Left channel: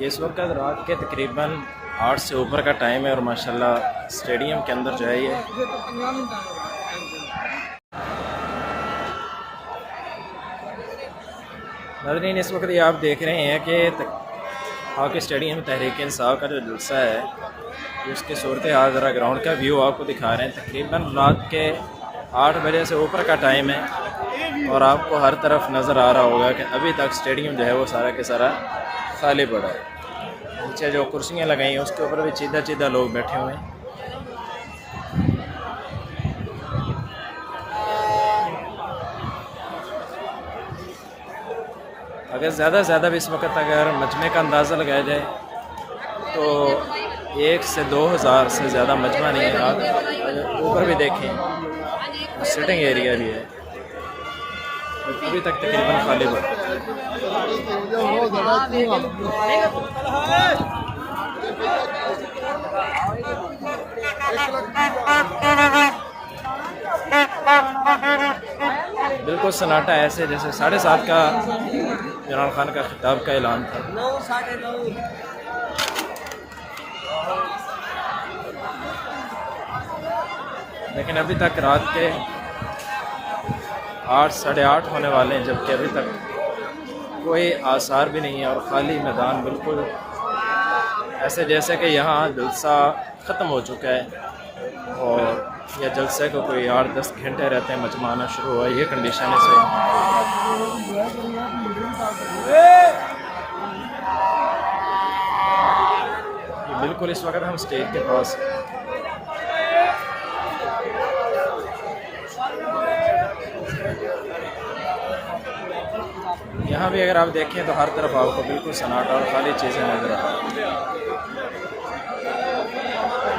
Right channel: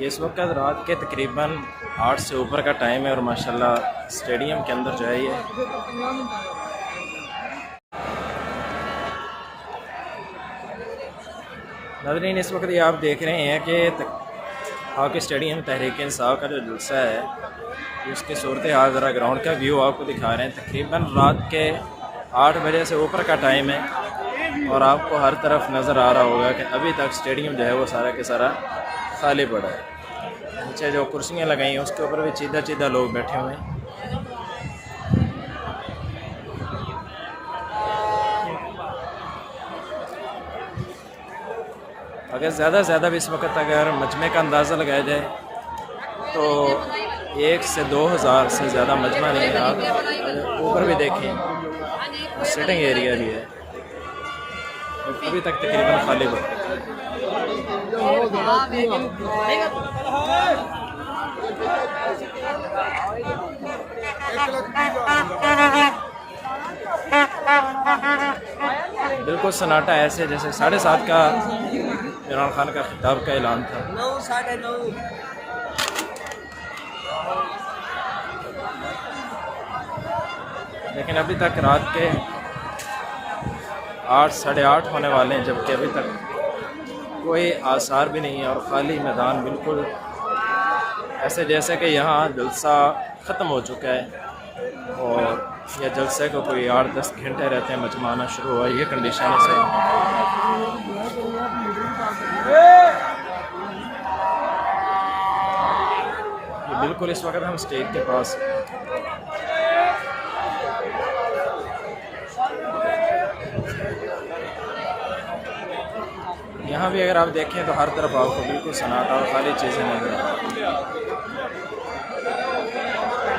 ये इस वक्त रात के तकरीबन 8 से ऊपर का टाइम है और माशाल्लाह स्टेडियम के अंदर जो है ये नाज़रीन इस वक्त ये आप देख रहे हैं कि हॉकी स्टेडियम में तहरीक इंसाफ का जो जलसा है ये उसकी सूरत हाल ज़रा ग्राउंड का व्यू आपको दिखा रहे हैं। तकरीबन रात के 8 बजे से ऊपर का टाइम है और आपको हर तरफ नज़र आ रहा होगा कि अभी तक स्टेडियम जो है वो सारा के सारा खाली पड़ा है। नीचे जो कुर्सियाँ लगाई हैं उसके ऊपर भी सीधा सीधा लोग बैठे हुए हैं। अगर ज़्यादा से ज़्यादा भी इस वक्त अगर मजमे का अंदाज़ा लगाया जाए तो 1 से 2,000 से ज़्यादा मजमा नहीं है। आप ऊपर भी देखें सिटिंग एरिया भी है, अभी तक तकरीबन खाली पड़ा। बिल्कुल सन्नाटा ऐसे जैसे 7:30 का इमरान खान का खिताब का ऐलान था। लेकिन अभी तक रात के 8 साढ़े 8 होने वाले हैं जबकि अभी तक कोई आसार भी नहीं है और ख़ाली मैदान बिल्कुल ऐसे जैसे कि यहाँ जलसा ख़त्म हो चुका है और यह जलसे को कोई 8-10 घंटे रहते हैं मजमा आना शुरू हुआ। ये कंडीशन है सही। ये बिल्कुल इस वक्त हम स्टेज के पास यहाँ भी अगर आप देखें तो हर तरफ आपको बिल्कुल सन्नाटा और खाली चीज़ें नज़र आ रही हैं।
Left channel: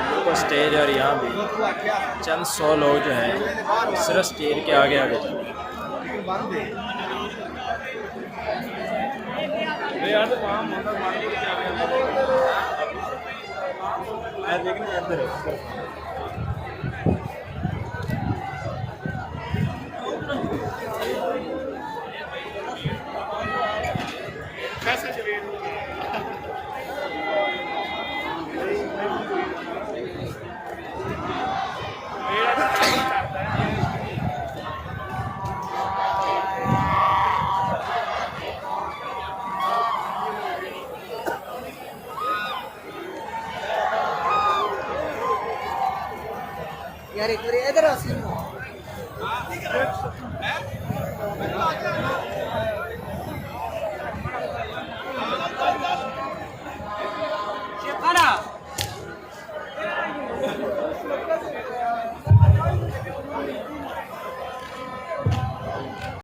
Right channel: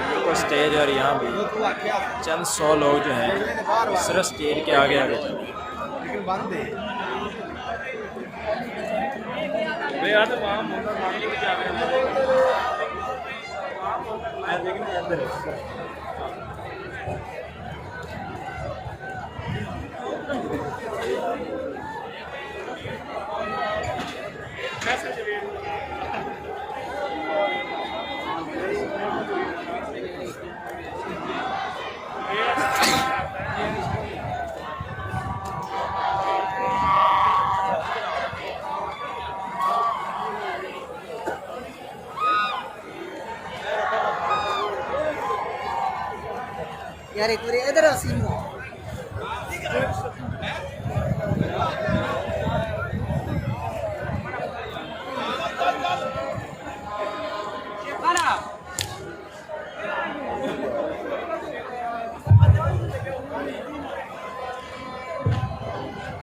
बिल्कुल स्टेज और यहाँ भी चंद 100 लोग जो हैं सिर्फ स्टेज के आगे आगे चल रहे हैं। यार एक बार इधर आ सी